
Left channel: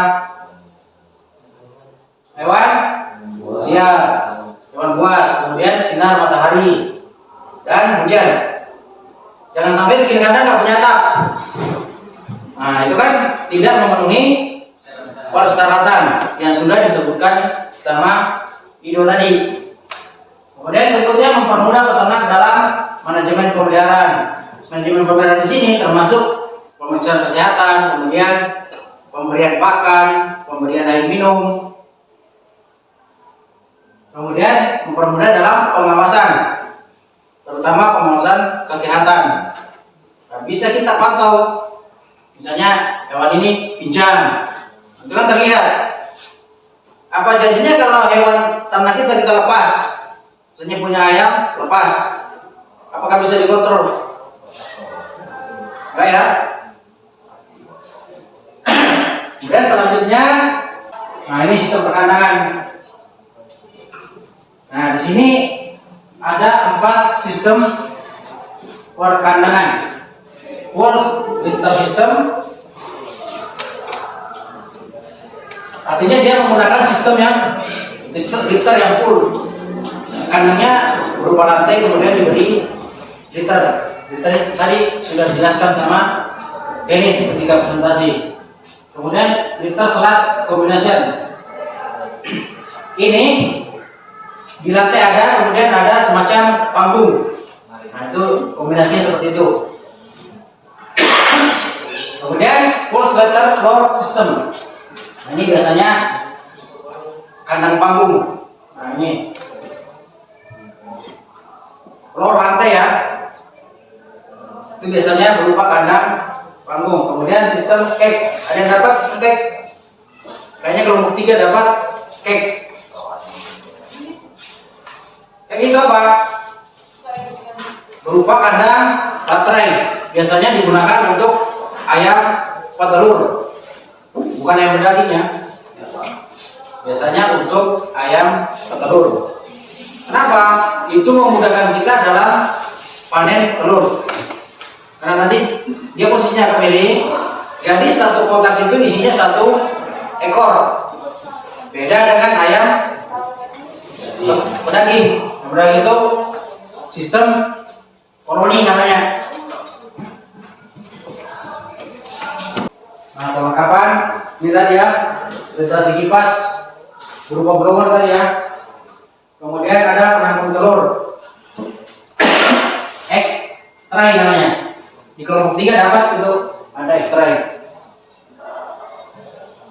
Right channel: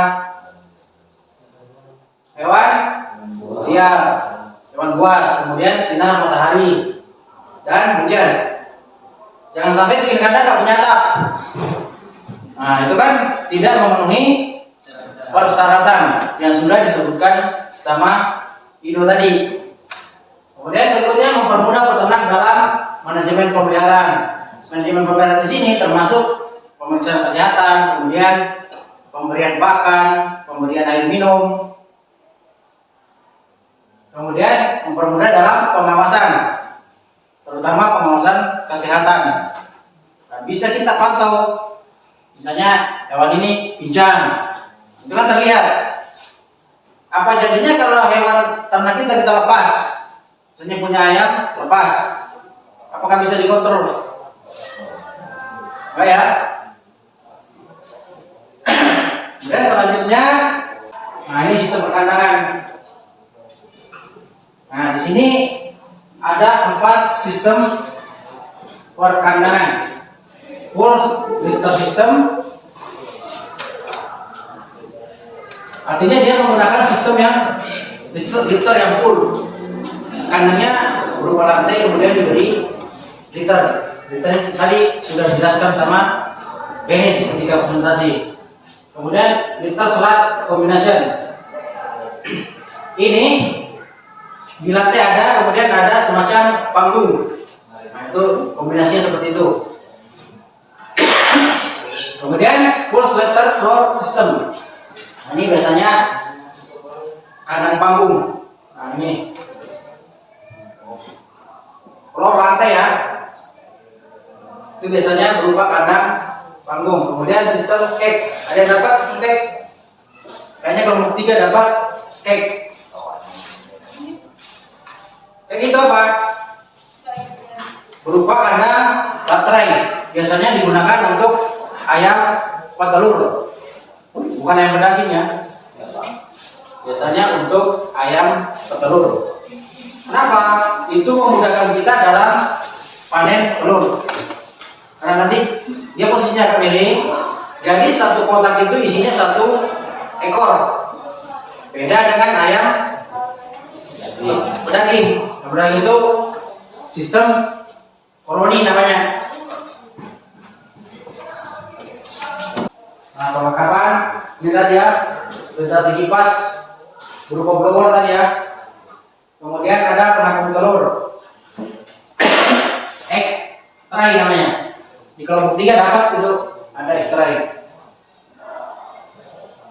Hewan liar, hewan buas. Kemudian sinar matahari dan hujan. Jangan sampai bikin kandang nggak punya atap. Nah, itu kan tidak memenuhi persyaratan yang sudah disebutkan sama Ido tadi. Kemudian berikutnya mempermudah peternak dalam manajemen pemeliharaan. Manajemen pemeliharaan di sini termasuk pemeriksaan kesehatan, kemudian pemberian pakan, pemberian air minum, kemudian mempermudah dalam pengawasan, terutama pengawasan kesehatan. Nah, bisa kita pantau, misalnya hewan ini pincang, itu kan terlihat. Apa jadinya kalau hewan ternak kita lepas? Misalnya punya ayam, lepas. Apakah bisa dikontrol? Enggak ya? Dan selanjutnya, nah ini sistem perkandangan. Nah di sini ada 4 sistem perkandangan. Full litter system, artinya dia menggunakan sistem yang litter yang full. Kandangnya berupa lantai, kemudian diberi litter. Litter tadi sudah dijelaskan sama Dennis ketika presentasi. Kemudian litter slat combination. Ini di lantai ada, kemudian ada semacam panggung. Nah itu kombinasinya seperti itu. Kemudian full slatted floor system. Nah, ini biasanya kandang panggung. Nah ini floor lantai ya. Itu biasanya berupa kandang panggung. Kemudian sistem cake. Ada yang dapat sistem cake? Kayaknya kelompok 3 dapat cake. Cake itu apa? Berupa kandang baterai. Biasanya digunakan untuk ayam petelur, bukan ayam berdaging ya. Biasanya untuk ayam petelur. Kenapa? Itu memudahkan kita dalam panen telur. Karena nanti dia posisinya agak miring, jadi satu kotak itu isinya 1 ekor. Beda dengan ayam pedaging. Yang pedaging itu sistem koloni namanya. Nah perlengkapan ini tadi ya, ventilasi kipas berupa blower tadi ya. Kemudian ada penampung telur, egg tray namanya. Di kelompok 3 dapat itu ada egg tray.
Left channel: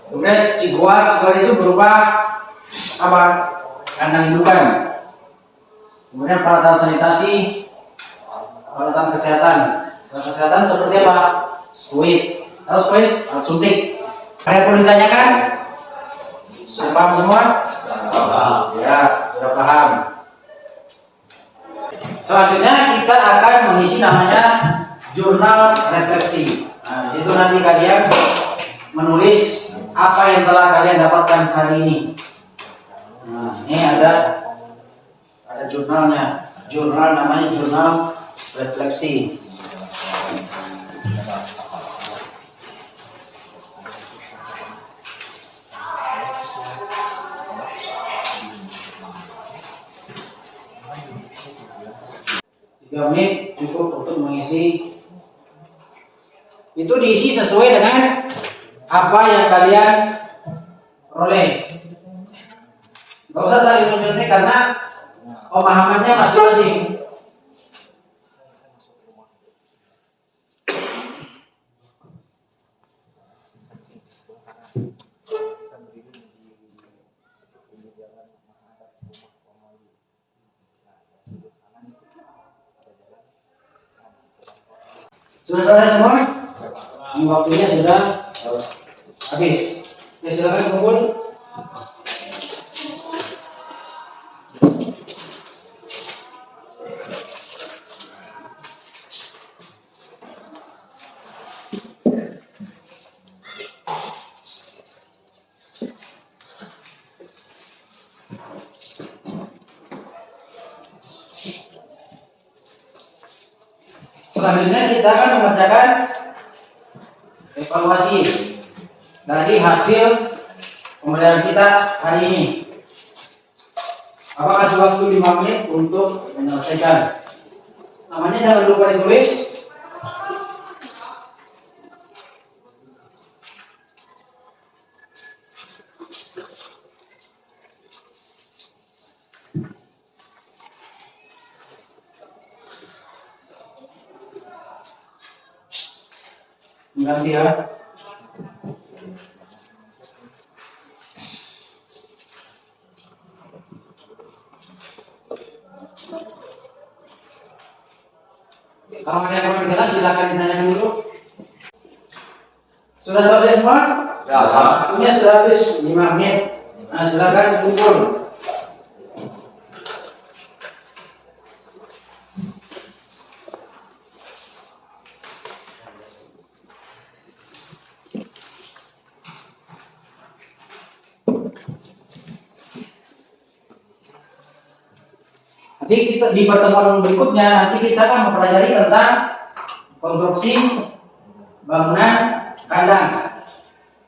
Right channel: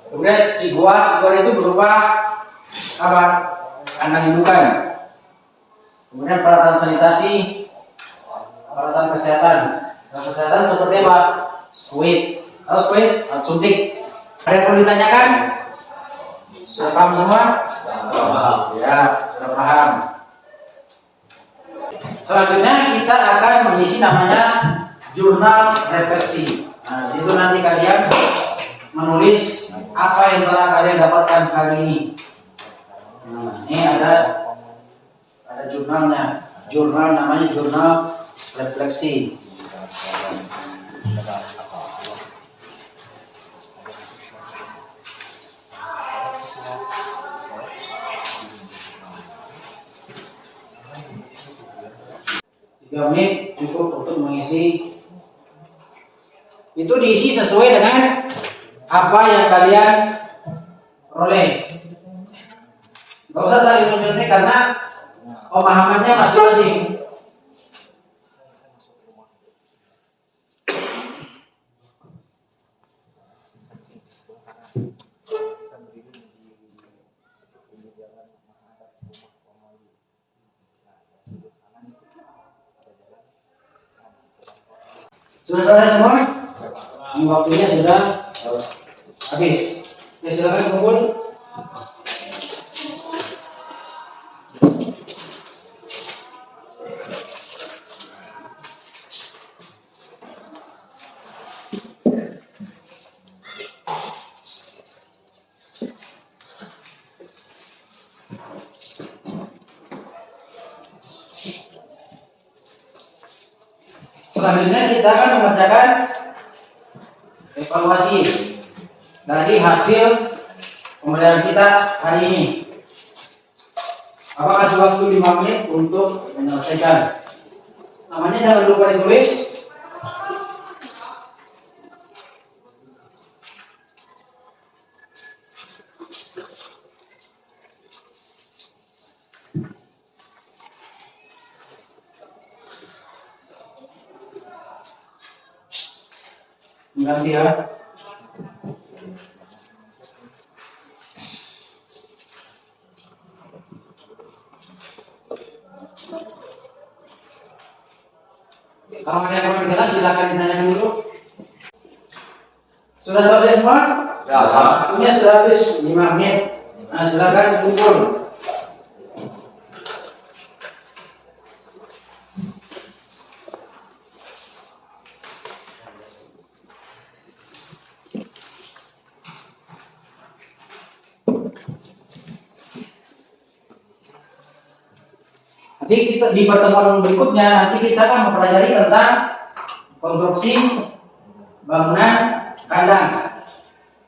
Kemudian ciguar itu berupa apa? Kandang indukan. Kemudian peralatan sanitasi, peralatan kesehatan. Peralatan kesehatan seperti apa? Squid. Tahu squid? Alat suntik. Ada yang perlu ditanyakan? Sudah paham semua? Ya, sudah paham. Selanjutnya kita akan mengisi namanya jurnal refleksi. Nah, di situ nanti kalian menulis apa yang telah kalian dapatkan hari ini. Nah, ini ada jurnalnya. Jurnal namanya jurnal refleksi. Menit cukup untuk mengisi. Itu diisi sesuai dengan apa yang kalian peroleh. Gak usah saling menyuntik karena pemahamannya masing-masing. Sudah selesai semua? Ini waktunya sudah habis. Ya silakan kumpul. Selanjutnya kita akan mengerjakan evaluasi dari hasil pembelajaran kita hari ini. Bapak kasih waktu 5 menit untuk menyelesaikan. Namanya jangan lupa ditulis. Ganti ya. Kalau ada yang kurang jelas silakan ditanyakan dulu. Sudah selesai semua? Ya, Pak. Waktunya sudah habis 5 menit. Nah, silakan kumpul. Nanti kita di pertemuan berikutnya nanti kita akan mempelajari tentang konstruksi bangunan kandang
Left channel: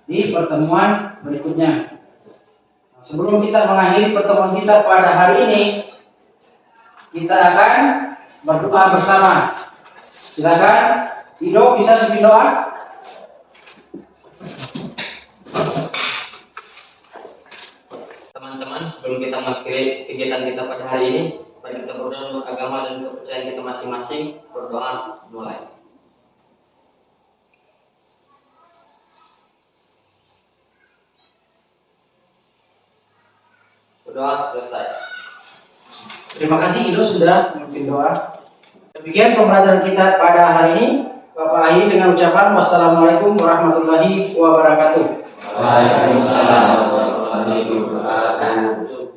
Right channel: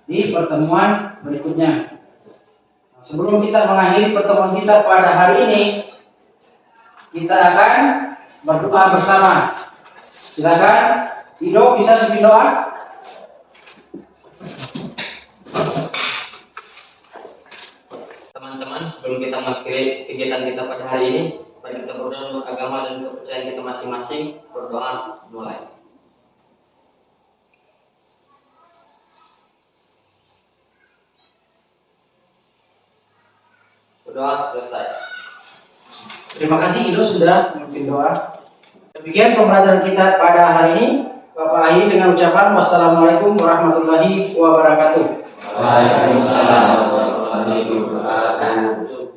di pertemuan berikutnya. Sebelum kita mengakhiri pertemuan kita pada hari ini, kita akan berdoa bersama. Silakan, Ido bisa bikin doa. Teman-teman, sebelum kita mengakhiri kegiatan kita pada hari ini, mari kita berdoa menurut agama dan kepercayaan kita masing-masing. Berdoa mulai. Berdoa selesai. Terima kasih Ido sudah memimpin doa. Demikian pembelajaran kita pada hari ini. Bapak akhiri dengan ucapan wassalamualaikum warahmatullahi wabarakatuh. Waalaikumsalam warahmatullahi wabarakatuh.